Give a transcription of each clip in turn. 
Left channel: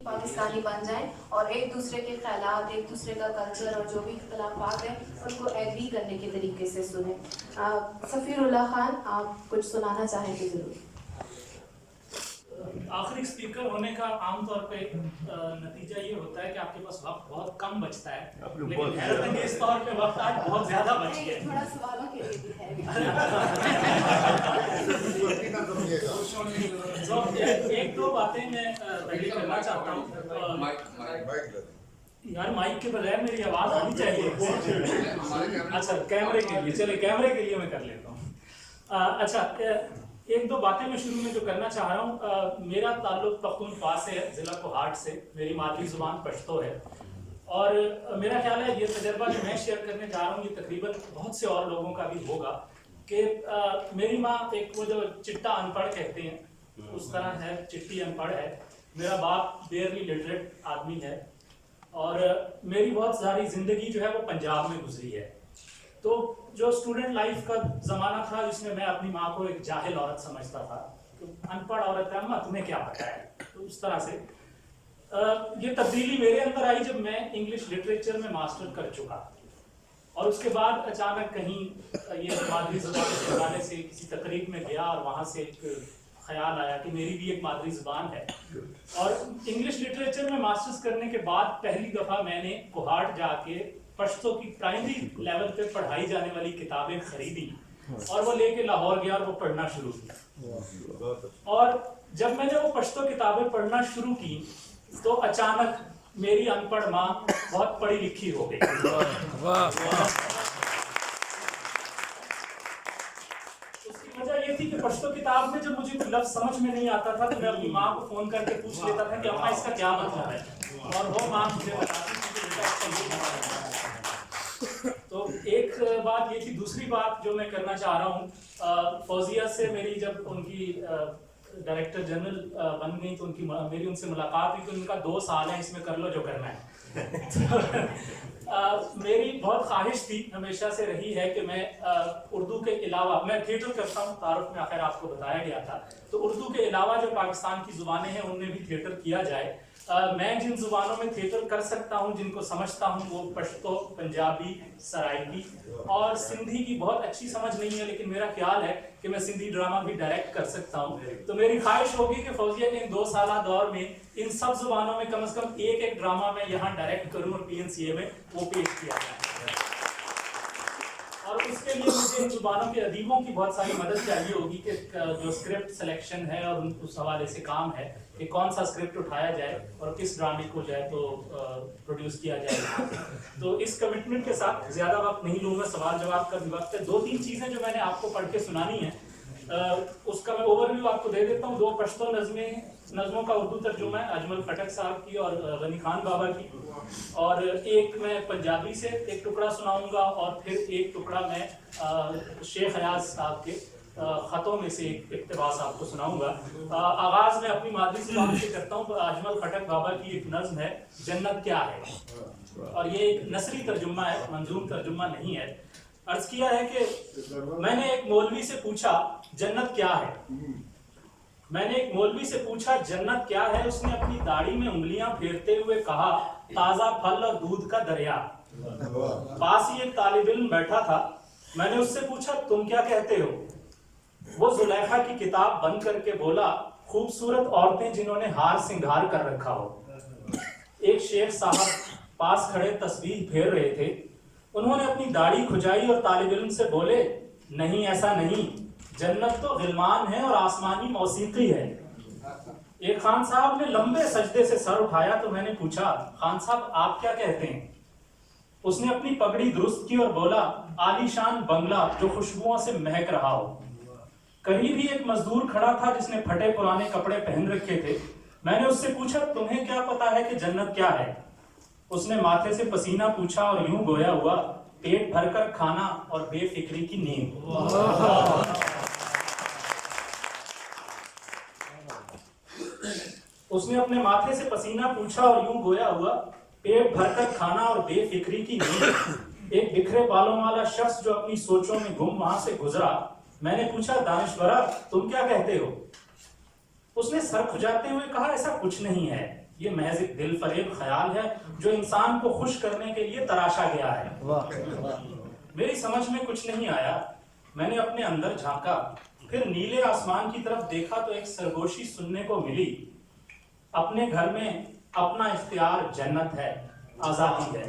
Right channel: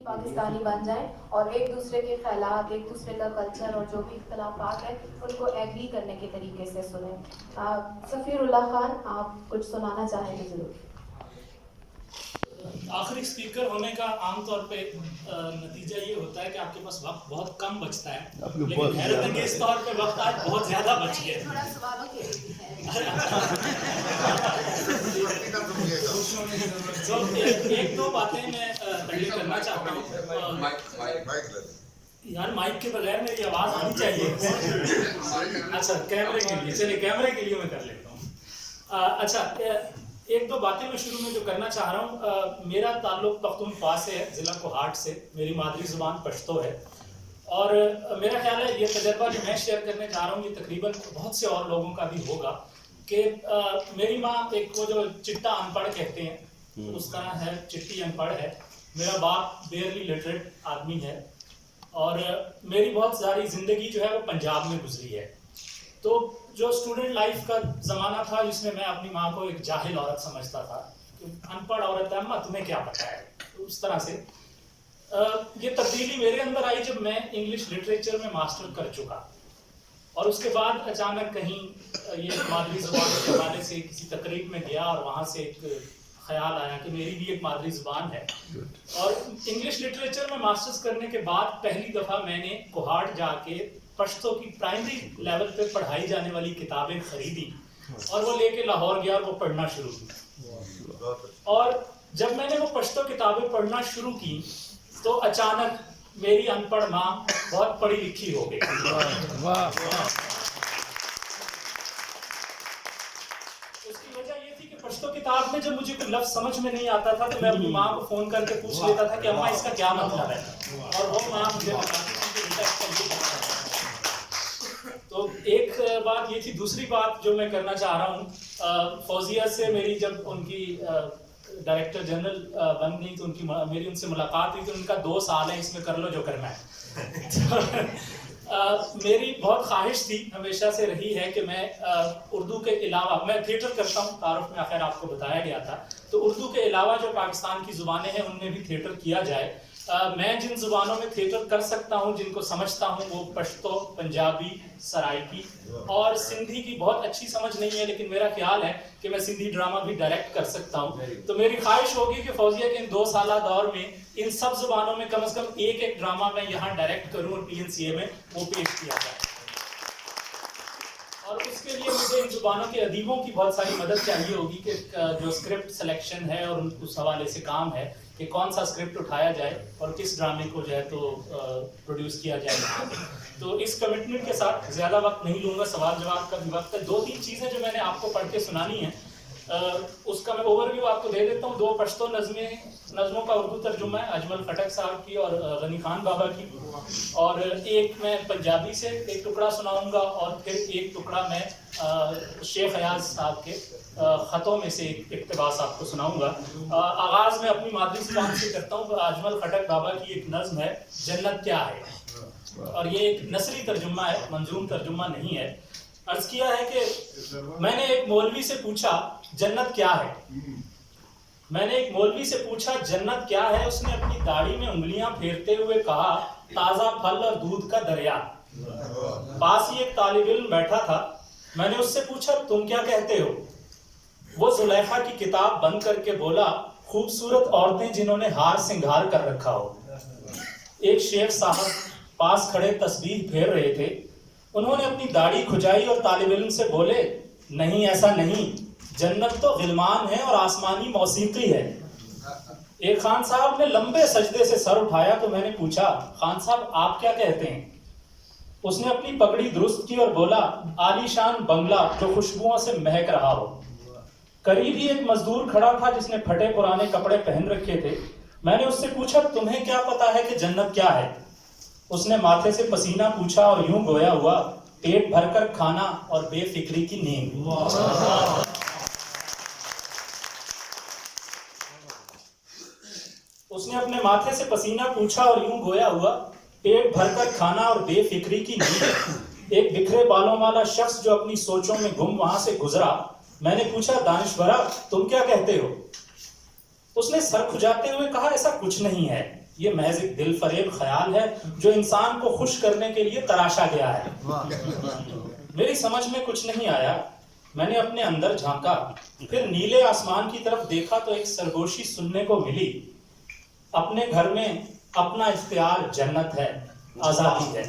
پاکستانی بن جائیں اور ایک دوسرے کے خیالات، ایک دوسرے کا کلچر اور جو بھی اختلافات ہیں ان کو ایگری کرنے کے طریقے سے سنیں۔ سفیر اللہ خان، آپ کچھ سنانا چاہیں تو ضرور۔ آخری اسپیکر ہونے کا عام طور پہ نتیجہ یہ ہوتا ہے کہ آپ کے پاس وقت بہت کم بچتا ہے، لیکن حیرت انگیز طور پہ وقت آج بہت زیادہ بچ گیا ہے۔ تھوڑا سوالوں کے لیے بھی ہے۔ ایک دو باتیں میں پہلے کرنا چاہتا ہوں۔ یار مائک کے بغیر میری آواز آنی چاہیے۔ اچھا کیمرے کے لیے، چلے کیمرے کے لیے میں کر لیتا ہوں۔ اچھا ایک دو باتیں میں شروع میں جو کرنا چاہ رہا ہوں، میرا تعلق پختونخوا سے ہے، ضلع کوہاٹ سے، میری مادری زبان پشتو ہے، اور میرا خیال ہے یہ تجربہ جو میں شیئر کرنے جا رہا ہوں یہ تقریباً بہت سے اور لوگوں کا بھی ہوگا کہ میری ماں ایک وہ جو چٹا ان پڑھ کہتے ہیں اس طرح ہے، چٹی ان پڑھ ہے، میرا باپ بیئرلی لٹریٹ آدمی ہے، اور میری بہت ساری زندگی جو ہے وہ پنجاب میں گزری ہے۔ تو جو اسٹوڈنٹ لائف کا زمانہ تھا جس میں اپنی ماں کو ایک جاہل عورت سمجھتا تھا، ان پڑھ عورت ہے، اماں تمہیں کیا پتہ ہے، تو اس طرح سے یہ تبدیلی میرے اندر آئی جب میں انگلش لٹریچر میں ماسٹر کر چکا، اور اس کے بعد اچانک کہیں یہ مادری زبان کے حوالے سے کسی تقریب میں گیا اور وہاں سے ایک خیال آیا کہ میری بھی ایک مادری زبان ہے، اور انگلش لٹریچر میں ماسٹرز کرنے کے بعد پہلی دفعہ میں نے کوہاٹ جا کے پشتو کی پرائمری لیول پہ پڑھائی جانے والی کتابیں خریدی اور وہ لے کے لاہور گیا اور وہ پڑھنا شروع کیا، اور جب میں نے وہ پشتو کتابیں پڑھنا شروع کی تو اچانک میری ان پڑھ ماں بہت پڑھی لکھی ہو گئی۔ اس کی وجہ یہ تھی کہ پشتو کتاب میں جب مجھے کوئی لفظ سمجھ میں نہیں آتا تھا تو میں اپنی ماں کو فون کر کے پوچھ لیتا تھا کہ اماں اس کا کیا مطلب ہے، اور وہ ماں مجھے بتاتی تھی کہ بیٹا اس کا یہ مطلب ہے۔ تو ایک بات یہ تھی۔ دوسری بات جو میں کرنا چاہ رہا ہوں، فوزیہ سے میری جب ان کی ڈائریکٹر جنرل بن گئی تو میری ان سے ملاقات ہوئی، تو ان کا 2 سال ہے، اس میں کر لو جو کرنا ہے۔ میری بہت خواہش تھی، ہمیشہ سے رہی ہے کہ میں اردو کے علاوہ، میں تھیٹر کرتا ہوں، تعارف میں آخر آپ کو بتایا گیا تھا، تو اردو کے علاوہ جو پاکستان کی زبانیں ہیں ان میں بھی تھیٹر کیا جائے۔ میں جن زبانوں میں تھیٹر کر سکتا ہوں، جن کو سمجھتا ہوں، وہ پشتو، پنجابی، سرائکی اور سندھی کی بہت اچھی سمجھ نہیں ہے، لیکن میرا خیال ہے کہ میں سندھی ڈرامہ بھی ڈائریکٹ کر سکتا ہوں۔ تو میری خواہش ہوگی کہ فوزیہ کے ان 2 سالہ دور میں ان سب زبانوں میں کم از کم ایک ڈرامہ میں یہاں ڈائریکٹ کروں اور PNCA میں وہ پیش کیا جائے، اور اس کے لیے مجھے ان زبانوں کے ادیبوں کی بہت ساری مدد چاہیے ہوگی کہ جو اسکرپٹ سلیکشن ہے اور اس حوالے سے کام ہے کہ کون سا اسکرپٹ اٹھایا جائے اور کس ڈرامے کو جو ہے تو پروڈیوس کیا جائے۔ تو اس کمٹمنٹ کے ساتھ زیادہ وقت نہیں لوں گا، سوال جواب کا بھی وقت ہے۔ 2-3 چیزیں جو میں نے آپ کو پڑھ کے سنانی ہیں اس کا میں اوور ویو آپ کو دے دیتا ہوں۔ 2 پشتو نظموں کا اردو ترجمہ ہے، اجمل خٹک صاحب کی اور غنی خان بابا کی، اور ایک میں پنجابی سے ایک ٹکڑا سناؤں گا، اور پھر ایک ٹکڑا میں شیخ ایاز صاحب کے خطوں میں سے ایک اقتباس آپ کو سناؤں گا۔ آغاز میں اپنی مادری زبان سے کرتا ہوں۔ اجمل خٹک بابا کی ایک نظم ہے، جنت کیا ہے، اور یہ ایک نثری ترجمہ ہے، منظوم ترجمہ نہیں ہے۔ عرض کیا ہے کہ میں نے ایک مولوی سے پوچھا جنت کیا ہے، میں نے ایک مولوی سے پوچھا جنت کیا ہے، اس نے اپنی داڑھی میں انگلیاں پھیرتے ہوئے کہا تازہ پھل اور دودھ کا دریا۔ پاس ہی ایک طالب علم بیٹھا تھا، میں نے اس سے پوچھا تم کیا کہتے ہو، وہ زلیخا کی کتاب بند کر کے بولا خوبصورت عورتیں جنہوں نے ہار سنگھار کر رکھا ہو۔ ایک شیخ صاحب پاس کھڑے تسبیح پھیر رہے تھے، انہوں نے اپنی داڑھی کھجائی اور طالب علم سے بولے نہیں ایسا نہیں، جنت تو غلمان ہے اور آسمانی موسیقی ہے۔ ایک خان صاحب نے لمبے سجدے سے سر اٹھایا تو میں نے پوچھا خان صاحب آپ کیا کہتے ہیں، اس نے اپنی پگڑی درست کی اور بولا عالی شان بنگلہ جو خوشبوؤں سے مہک رہا ہو۔ قریب ہی ایک مزدور کھڑا تھا جس نے پھٹے پرانے کپڑے پہن رکھے تھے، میں نے اس سے پوچھا تمہیں کیا پتا ہے کہ جنت کیا ہے، اس نے ماتھے سے پسینہ پوچھا اور یوں گویا ہوا پیٹ بھر کر کھانا اور بے فکری کی نیند۔ اس نے اپنے ماتھے سے پسینہ پوچھا اور یوں گویا ہوا پیٹ بھر کر کھانا اور بے فکری کی نیند۔ ایک بکھرے بالوں والا شخص جو اپنی سوچوں میں گم وہاں سے گزرا، میں نے پوچھا دانشورا تم کیا کہتے ہو، اس نے سر کھجاتے ہوئے کہا ایسا کچھ نہیں ہے، یہ محض ایک دل فریب خیال ہے جو انسان کو خوش کرنے کے لیے تراشا گیا ہے. میری سمجھ میں کچھ نہیں آیا. میں نے اپنے اندر جھانکا, پھر نیلے آسمان کی طرف دیکھا تو ایک سرگوشی سننے کو ملی. اپنے گھر میں اپنا اختیار جنت ہے, آزادی ہے.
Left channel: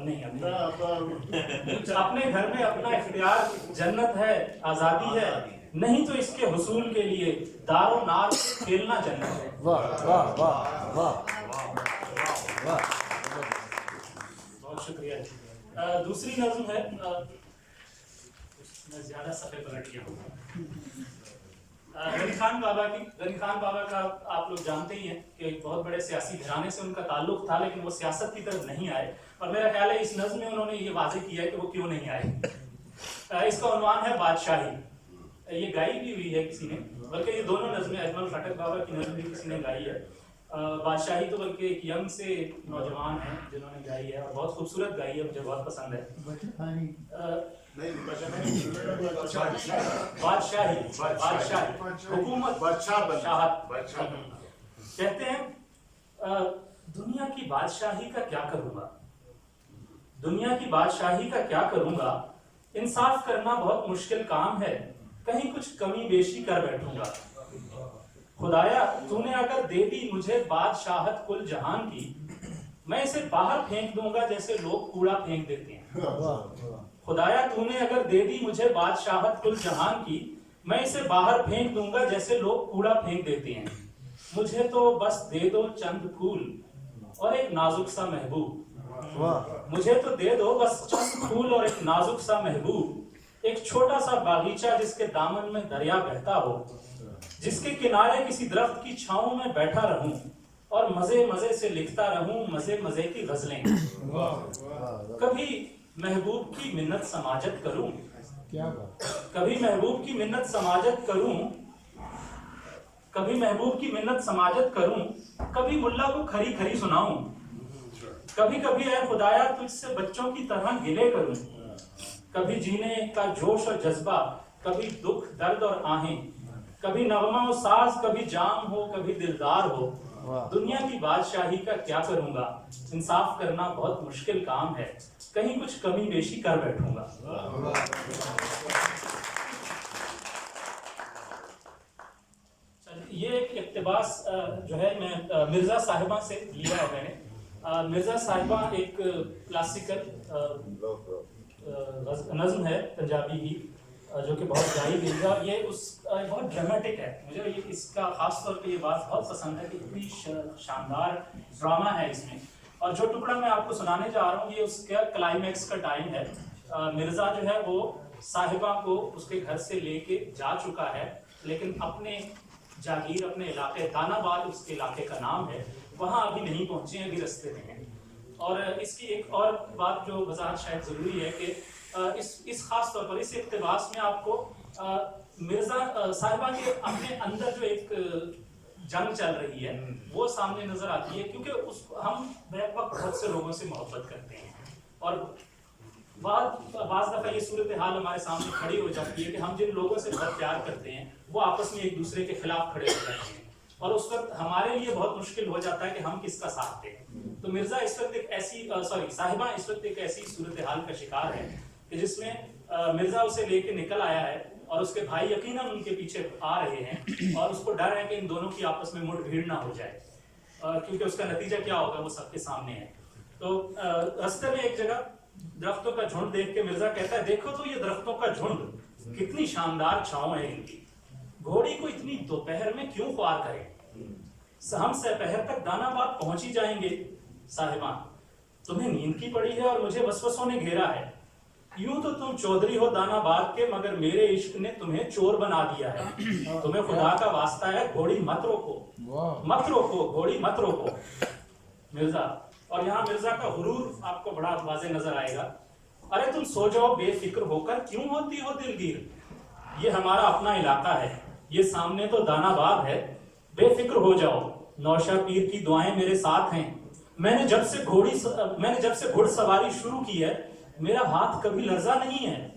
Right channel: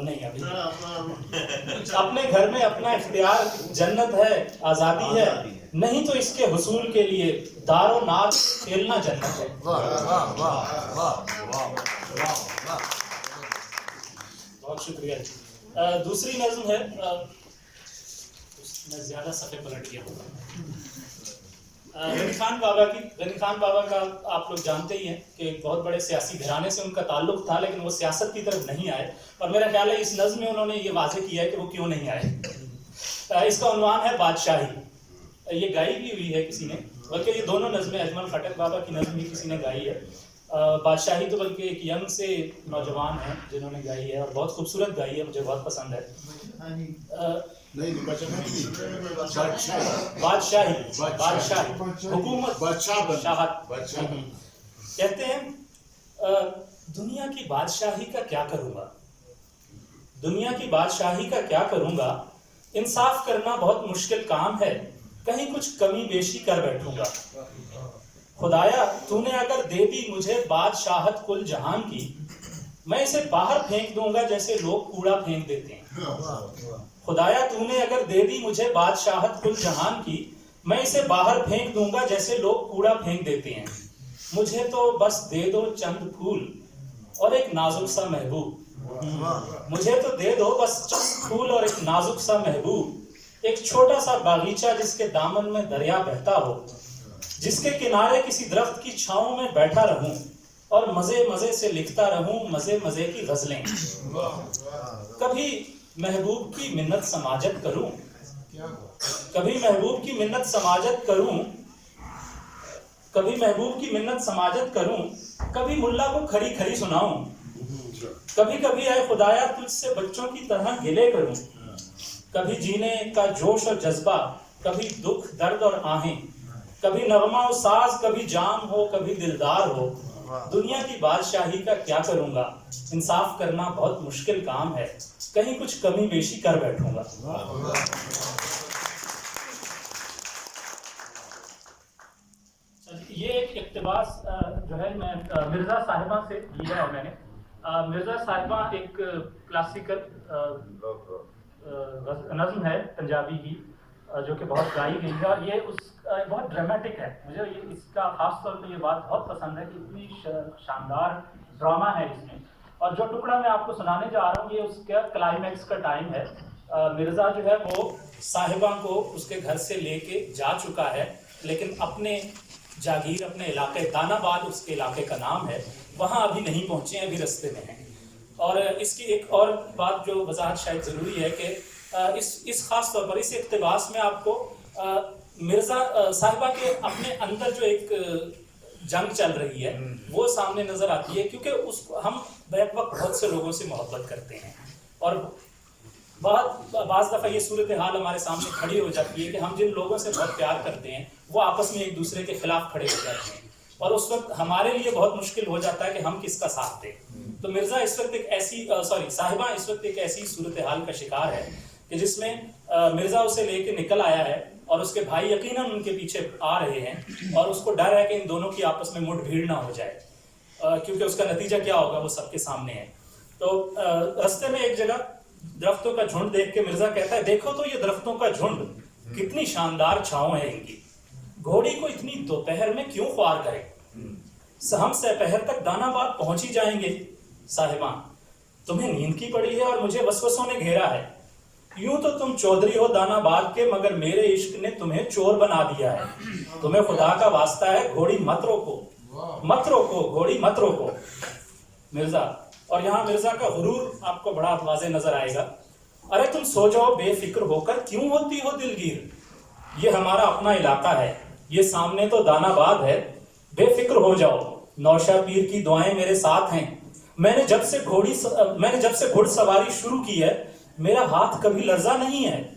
نہیں ابھی. اپنے گھر میں اپنا اختیار جنت ہے, آزادی ہے, نہیں تو اس کے حصول کے لیے دار و نار کھیلنا جنت ہے. بہت شکریہ. دوسری نظم ہے, میں زیادہ صفحے پلٹ گیا ہوں. غنی خان بابا کی. غنی خان بابا کا آپ لوگ جانتے ہی ہیں کہ ایک بہت بڑے سیاسی گھرانے سے ان کا تعلق تھا, لیکن وہ سیاست کی طرف نہیں آئے, اور میرا خیال ہے اس نظم میں انہوں نے یہ واضح کیا ہے کہ وہ کیوں نہیں آئے. اس کا عنوان ہے بادشاہی. یہ گائی بھی ہوئی ہے کسی نے, بلکہ یہ دونوں نظمیں اجمل خٹک بابا کی نظم بھی کسی نے گائی ہے. بادشاہی تو بلکہ ایک ینگ سے نوجوان ہیں جنہوں نے گائی ہے, اور بہت خوبصورت گائی ہے, مجھے بہت پسند ہے. بادشاہی, بادشاہی, حکومت, بادشاہت. کہتے ہیں دنیا کی بادشاہی کا کیا کروں گا, دنیا کی بادشاہی کا کیا کروں گا, انصاف کرنا بہت مشکل کام ہے, کہیں کچھ کمی بیشی کر بیٹھوں گا. خدایا تو نے اگر دے دی مجھے بادشاہت کل جہان کی, میں اسے باہر پھینک دوں گا جیسے لوگ کوڑا پھینک دیتے ہیں. خدایا تو نے اگر دے دی مجھے بادشاہت کل جہان کی, میں اسے باہر پھینک دوں گا جیسے لوگ کوڑا پھینک دیتے ہیں. مجھے تو بس دے دو چند پھول اور ایک نازک سا محبوب. مجھے تو دے دو بس چند پھول اور ایک نازک سا محبوب, ایک چھوٹا سا باغیچہ جس کے دامن میں دریا بہتا ہو, جس کے کنارے کسی درخت کی چھاؤں میں بیٹھا رہوں اور مزے مزے سے لکھتا رہوں مزے مزے کی غزلیں. کبھی محبوب کی منت سماجت کروں, کبھی محبوب کی منت سماجت کروں, کبھی محبوب کی منت سماجت کروں, کبھی ملا کو کھری کھری سناؤں, کبھی کبھی اے خدایا تجھ سے بچوں کی طرح گلے کروں, کبھی جینے کا جوش اور جذبہ, کبھی دکھ درد اور آہیں, کبھی نغمہ و ساز, کبھی جام ہو کبھی دلدار ہو. دنیا کی بادشاہی کا کیا کروں گا, انصاف کرنا بہت مشکل کام ہے, کہیں کچھ کمی بیشی کر بیٹھوں گا. یہ ایک اقتباس جو ہے میں مرزا صاحبہ سے لیا ہے. میں نے مرزا صاحبہ ایک کلاسیکل نظم ہے پنجابی ہی, جو کہ بہت گائی گئی ہے, اور یہ اس بہت ڈرامیٹک ہے. مجھے اس کا خاص طور پہ یہ بات بہت پسند ہے کہ اتنی شاندار ڈرامہ ہے اس میں. اور جو ٹکڑا میں آپ کو سنانے جا رہا ہوں یہ اس کا کلائمیکس کا ٹائم ہے. مرزا جو ہے وہ صاحبہ کو اس کے گھر سے لے کے جا چکا ہے, لیکن اپنے جاگیر, اپنے علاقے دان آباد اس کے علاقے کا نام ہے, وہاں ابھی نہیں پہنچے ہیں, ابھی رستے میں ہیں. اور اس کی ایک اور بات جو وضاحت شاید ضروری ہے کہ اس خاص طور پر اس اقتباس میں آپ کو مرزا صاحبہ کے اپنے اندر جو ایک جنگ چل رہی ہے وہ سامنے نظر آتی ہے, کیونکہ ہم بیک وقت بہت سے لوگوں سے محبت کرتے ہیں, اور بعض دفعہ یہ صورتحال ہمارے سامنے کھڑی ہو جاتی ہے کہ ہم جن لوگوں سے بہت پیار کرتے ہیں وہ آپس میں ایک دوسرے کے خلاف کھڑے ہو جاتے ہیں, اور اس وقت ہمارے لیے بہت مشکل ہو جاتا ہے کہ ہم کس کا ساتھ دیں. تو مرزا اس وقت ایک ایسی صاحبہ اس وقت ایک ایسی صورتحال کا شکار ہے کہ جس میں مرزا اسے لے کے نکل آیا ہے, اور اس کے بھائی یقیناً ان کے پیچھے آ رہے ہیں, اور اس کو ڈر ہے کہ ان دونوں کی آپس میں مٹ بھیڑ نہ ہو جائے, کیونکہ اس کا نتیجہ کیا ہوگا وہ سب کے سامنے ہے. تو رستے میں ایک جگہ درختوں کا جھنڈ دیکھ کے مرزا کہتا ہے, دیکھو تو یہ درختوں کا جھنڈ, کتنی شاندار چھاؤں ہے ان کی, گھوڑی کو اتنی دوپہر میں کیوں خوار کرے, ہم سپہر تک دان آباد پہنچ ہی جائیں گے. صاحبہ تمہیں نیند کی پڑی ہے اور مجھے وسوسوں نے گھیرا ہے, یوں تو تم چودھری ہو دان آباد کے, مگر میرے عشق نے تمہیں چور بنا دیا ہے. تمہیں خدا کا واسطہ ہے گھوڑی مت روکو, مت روکو گھوڑی مت روکو. مرزا, اور یہاں مرزا کا غرور آپ کو بڑا واضح نظر آئے گا. ارے تم سو جاؤ بے فکر ہو کر, کیوں ہوتی ہو دلگیر, یہ ہمارا اپنا علاقہ ہے, یہ سامنے تو دان آباد ہے, بے فکر ہو جاؤ, نوشہ پیر کی دعائیں میرے ساتھ ہیں. میں نے جب سے گھوڑ سواری شروع کی ہے میرا ہاتھ کبھی لرزا نہیں ہے.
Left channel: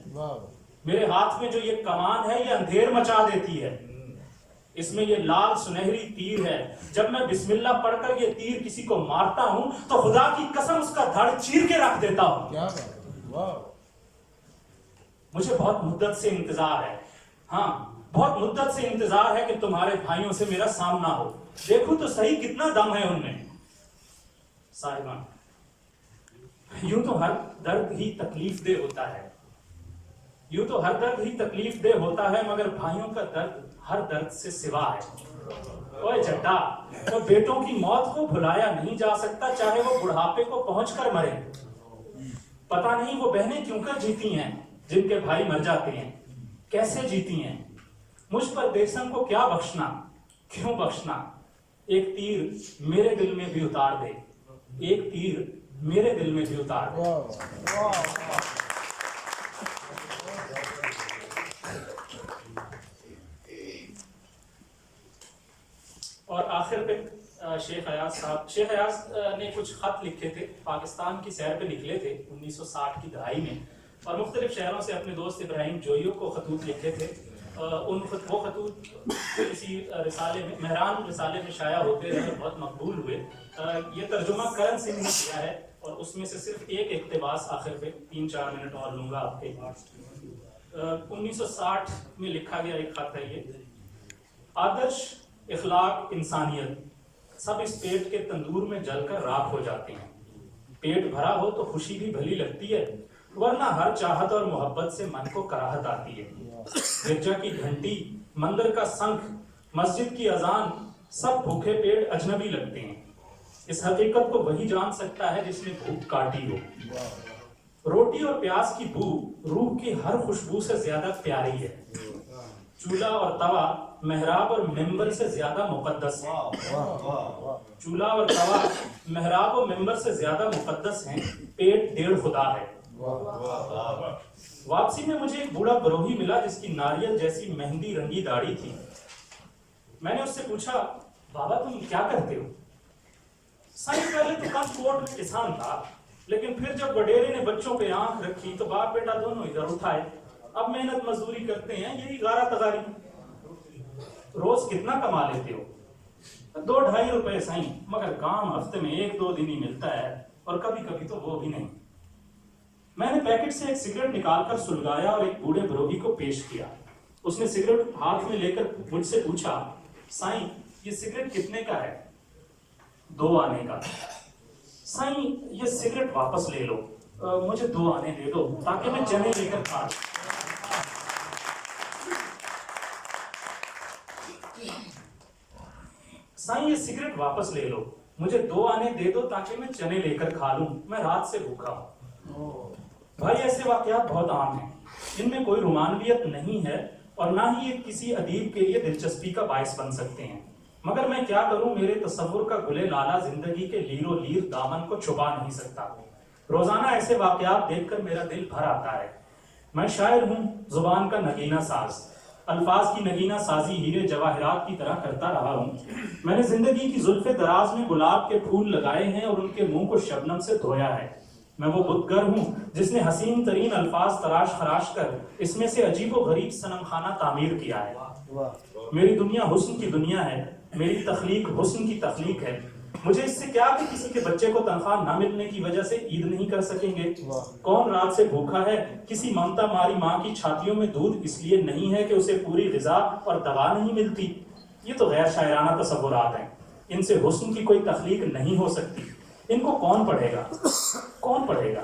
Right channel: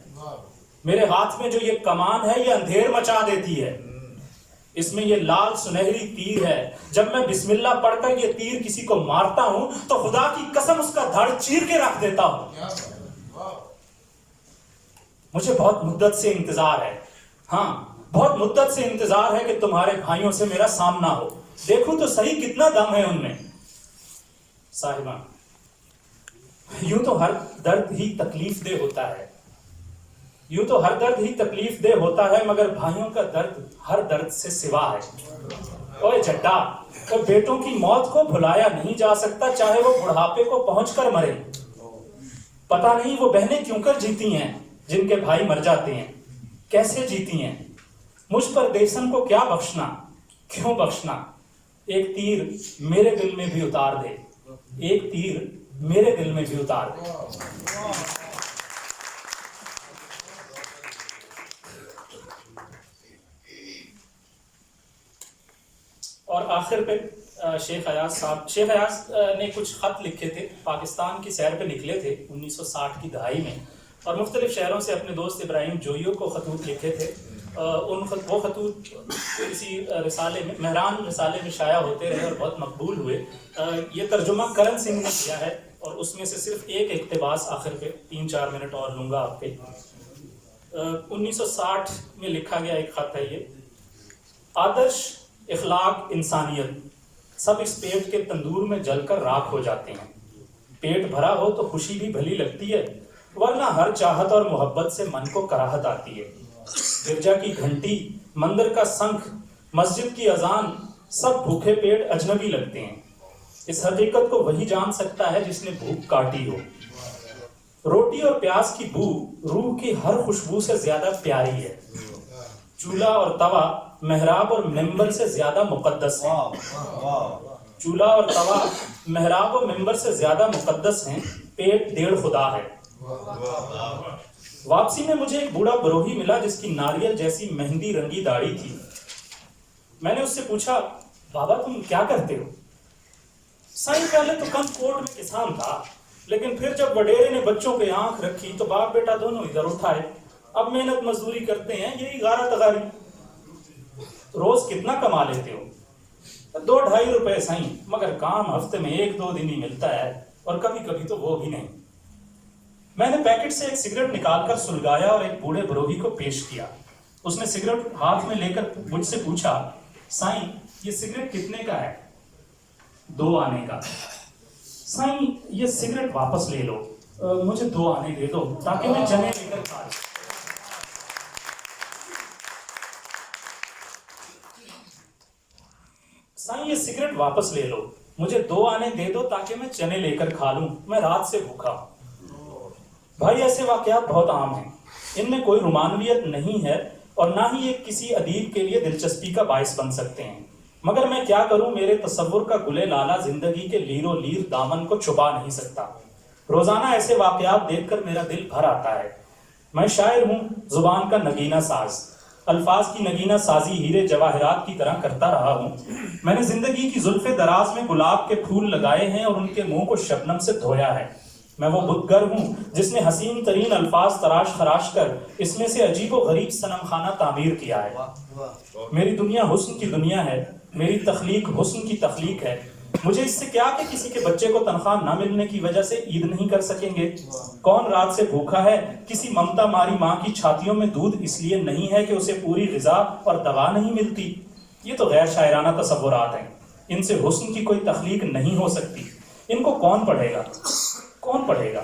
میرے ہاتھ میں جو یہ کمان ہے یہ اندھیر مچا دیتی ہے، اس میں یہ لال سنہری تیر ہے، جب میں بسم اللہ پڑھ کر یہ تیر کسی کو مارتا ہوں تو خدا کی قسم اس کا دھڑ چیر کے رکھ دیتا ہوں۔ مجھے بہت مدت سے انتظار ہے، ہاں بہت مدت سے انتظار ہے کہ تمہارے بھائیوں سے میرا سامنا ہو، دیکھو تو صحیح کتنا دم ہے ان میں۔ صاحبان، یوں تو ہر درد ہی تکلیف دہ ہوتا ہے، یوں تو ہر درد ہی تکلیف دہ ہوتا ہے، مگر بھائیوں کا درد ہر درد سے سوا ہے۔ اوے جڈا، تو بیٹوں کی موت کو بھلایا نہیں جا سکتا، چاہے وہ بڑھاپے کو پہنچ کر مرے۔ پتہ نہیں وہ بہنیں کیوں کر جیتی ہیں جن کے بھائی مر جاتے ہیں، کیسے جیتی ہیں؟ مجھ پر دیسم کو کیا بخشنا، کیوں بخشنا؟ ایک تیر میرے دل میں بھی اتار دے، ایک تیر میرے دل میں بھی اتار دے۔ اور آخر پہ شیخ ایاز صاحب، شیخ ایاز نے کچھ خط لکھے تھے، پاکستان کی سیر پہ نکلے تھے 1960 کی دہائی میں، اور مختلف شہروں سے اپنے دوست ابراہیم جوئیو کو خطوط لکھے تھے۔ وہ خطوط کسی رسالے میں، مہران رسالے میں شائع ہوتے رہے اور بہت مقبول ہوئے۔ یہ ترجمہ کرن سنگھ نے کیا ہے، اور اس میں سے صرف ایک اقتباس آخر پہ 3-4 منٹ اور لوں گا آپ کے۔ 1960 میں لکھا گیا ایک خط ہے یہ: آدرش اخلاق انسانیت سب اس پیٹ کے تندور میں جل کر راکھ ہو جاتے ہیں۔ پیٹ بھرا ہو تو خوشی بھی بھلی لگتی ہے، ورنہ ہر چاہت اور محبت سے من کو کراہت آتی ہے۔ گرجا کی گھنٹی، مندر کا سنکھ، مسجد کی اذان، سب بھوکے پیٹ اجنبی لگتے ہیں۔ اس حقیقت کو وہی جان سکتا ہے جس نے بھوک کاٹی ہو۔ روٹی اور پیاز کی بو روح کی ہر خوشبو سے زیادہ پیاری ہے۔ چولہا اور توا محراب اور ممبر سے زیادہ مقدس ہیں۔ چولہا اور توا محراب اور ممبر سے زیادہ مقدس ہیں، پیٹ ڈیڑھ خدا ہے۔ واپسی میں مجھے ایک بوڑھا بروہی ملا جس کی ناریل جیسی مہندی رنگی داڑھی تھی۔ میں نے اس سے پوچھا، بابا تم کیا کرتے ہو؟ سائیں پہلے تو کم کوٹ میں کسان تھا، لیکن پھر جب وڈیرے نے بچوں پہ آنکھ رکھی تو باپ بیٹا دونوں ادھر اٹھائے، اب محنت مزدوری کرتے ہیں، یہی غارہ تغاری۔ روز کتنا کما لیتے ہو؟ 2-2.5 روپے سائیں، مگر کام ہفتے میں 1-2 دن ہی ملتا ہے، اور کبھی کبھی تو وہ بھی نہیں۔ میں نے پیکٹ سے ایک سگریٹ نکال کر سلگایا اور ایک بوڑھے بروہی کو پیش کیا۔ اس نے سگریٹ ہاتھ میں لے کر مجھ سے پوچھا، سائیں یہ سگریٹ کتنے کا ہے؟ 2 آنے کا۔ سائیں یہ سگریٹ واپس لے لو، مجھے 2 آنے دے دو تاکہ میں چنے لے کر کھا لوں۔ سائیں یہ سگریٹ واپس لے لو، مجھے 2 آنے دے دو تاکہ میں چنے لے کر کھا لوں، میں رات سے بھوکا ہوں۔ بھائی ایسے واقعات بہت عام ہیں، ان میں کوئی رومانویت نہیں ہے اور نہ ہی یہ کسی ادیب کے لیے دلچسپی کا باعث بن سکتے ہیں، مگر میں کیا کروں، میرے تصور کا گلے لالہ زندگی کے لیر و لیر دامن کو چھپا نہیں سکتا۔ روزانہ ایسے واقعات دیکھ کر میرا دل بھر آتا ہے۔ میں شاعر ہوں، زبان کا نگینہ ساز، الفاظ کی نگینہ سازی ہیرے جواہرات کی طرح کرتا رہا ہوں۔ میں نے زندگی کی زلف دراز میں گلاب کے پھول لگائے ہیں اور ان کے منہ کو شبنم سے دھویا ہے۔ میں وہ بتگر ہوں جس نے حسین ترین الفاظ تراش خراش کر اس میں سے عجیب و غریب صنم خانہ تعمیر کیا ہے۔ میری دنیا حسن کی دنیا ہے، میری تخلیق حسن کی تخلیق ہے۔ مجھے اس سے کیا کہ کسی کے بچے کو تنخواہ نہ ملنے کی وجہ سے عید نہیں کر سکیں گے؟ کون رات سے بھوکا ہے؟ کسی ممتا ماری ماں کی چھاتیوں میں دودھ اس لیے نہیں ہے کہ اسے پوری غذا اور دوا نہیں ملتی؟ یہ تو غیر شاعرانہ تصورات ہیں، ان سے حسن کی کوئی تخلیق نہیں ہو سکتی۔ ان کو کون پڑھے گا؟ کون پڑھے گا؟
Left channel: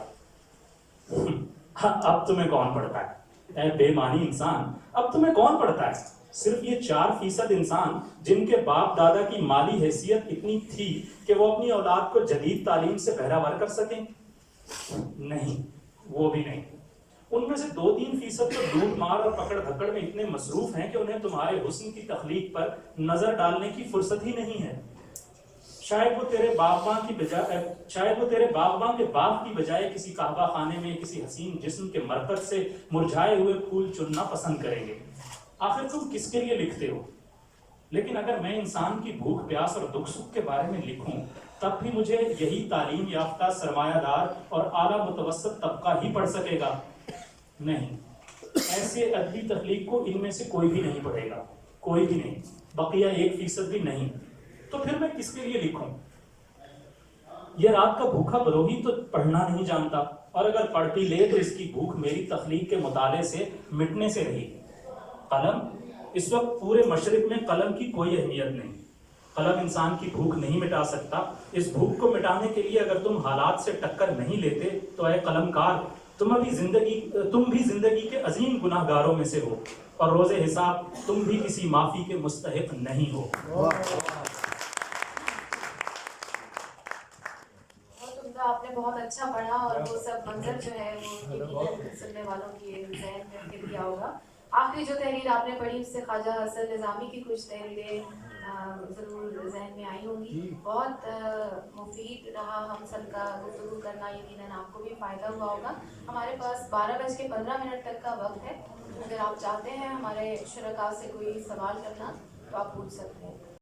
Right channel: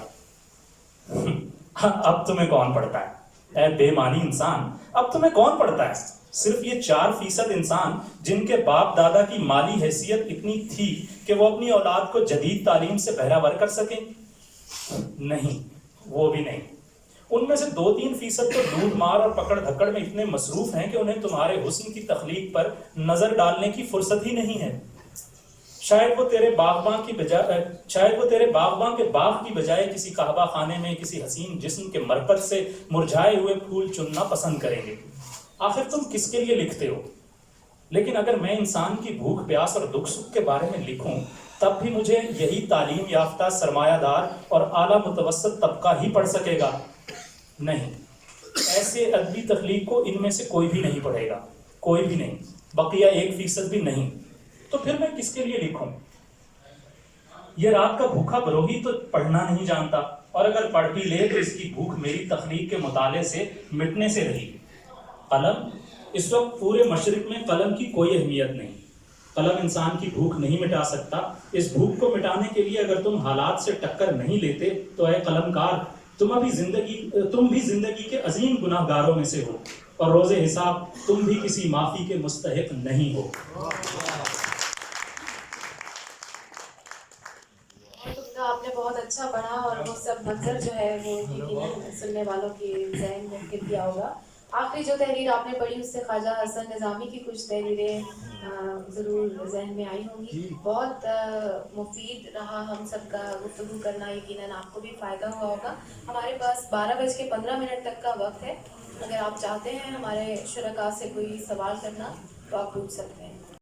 اب تمہیں کون پڑھتا ہے اے بے معنی انسان؟ اب تمہیں کون پڑھتا ہے؟ صرف یہ 4% انسان جن کے باپ دادا کی مالی حیثیت اتنی تھی کہ وہ اپنی اولاد کو جدید تعلیم سے بہرہ ور کر سکیں؟ نہیں، وہ بھی نہیں۔ ان میں سے 2-3% تو لوٹ مار اور پکڑ دھکڑ میں اتنے مصروف ہیں کہ انہیں تمہارے حسن کی تخلیق پر نظر ڈالنے کی فرصت ہی نہیں ہے۔ شاید وہ تیرے باغباں کے باغ کی بجائے کسی کعبہ خانے میں کسی حسین جسم کے مرکز سے مرجھائے ہوئے پھول چننا پسند کریں گے۔ آخر تم کس کے لیے لکھتے ہو؟ لیکن اگر میں انسان کی بھوک پیاس اور دکھ سکھ کے بارے میں لکھوں تب بھی مجھے یہی تعلیم یافتہ سرمایہ دار اور اعلیٰ متوسط طبقہ ہی پڑھ سکے گا؟ نہیں، ایسے ادبی تخلیق کو ان میں سے کوئی بھی نہیں پڑھے گا, کوئی بھی نہیں, بقیہ 1% بھی نہیں, تو پھر میں کس کے لیے لکھوں؟ یہ رات کا بھوکا بروہی تو پڑھنا نہیں جانتا, اور اگر پڑھ بھی لے تو اس کی بھوک میری تخلیق کے مطالعے سے مٹنے سے رہی. قلم, اس وقت پورے مشرق میں قلم کی کوئی اہمیت نہیں. قلم انسان کی بھوک نہیں مٹا سکتا. اس بھوک کو مٹانے کے لیے اگر تم حالات سے ٹکر نہیں لیتے تو اے قلم کار, تم بھی زندگی کے عظیم گناہ گاروں میں سے ہو, اور روز حساب تم بھی کسی معافی کے مستحق نہیں ہو. آپ نے بہت اچھا پڑھا, اور وہ سب منظر جو ہے وہ یقیناً سننے والوں کے ذہن میں گر گیا ہوگا. آخری جو تحریر آپ نے پڑھی اس سے خواجہ حسن نظامی کی کچھ تحریریں ضرور ذہن میں آئی ہوں گی. بہت مفید رہا ہم سب کا گفتگو کرنا, یقیناً آپ کو بھی فائدہ ہوا ہوگا. ہمارے پاس 12:15 تک کا وقت ہے. اگر آپ چاہتے ہیں ہمارے شرکاء سے کوئی سوال کرنا تو آپ پوچھ سکتے ہیں.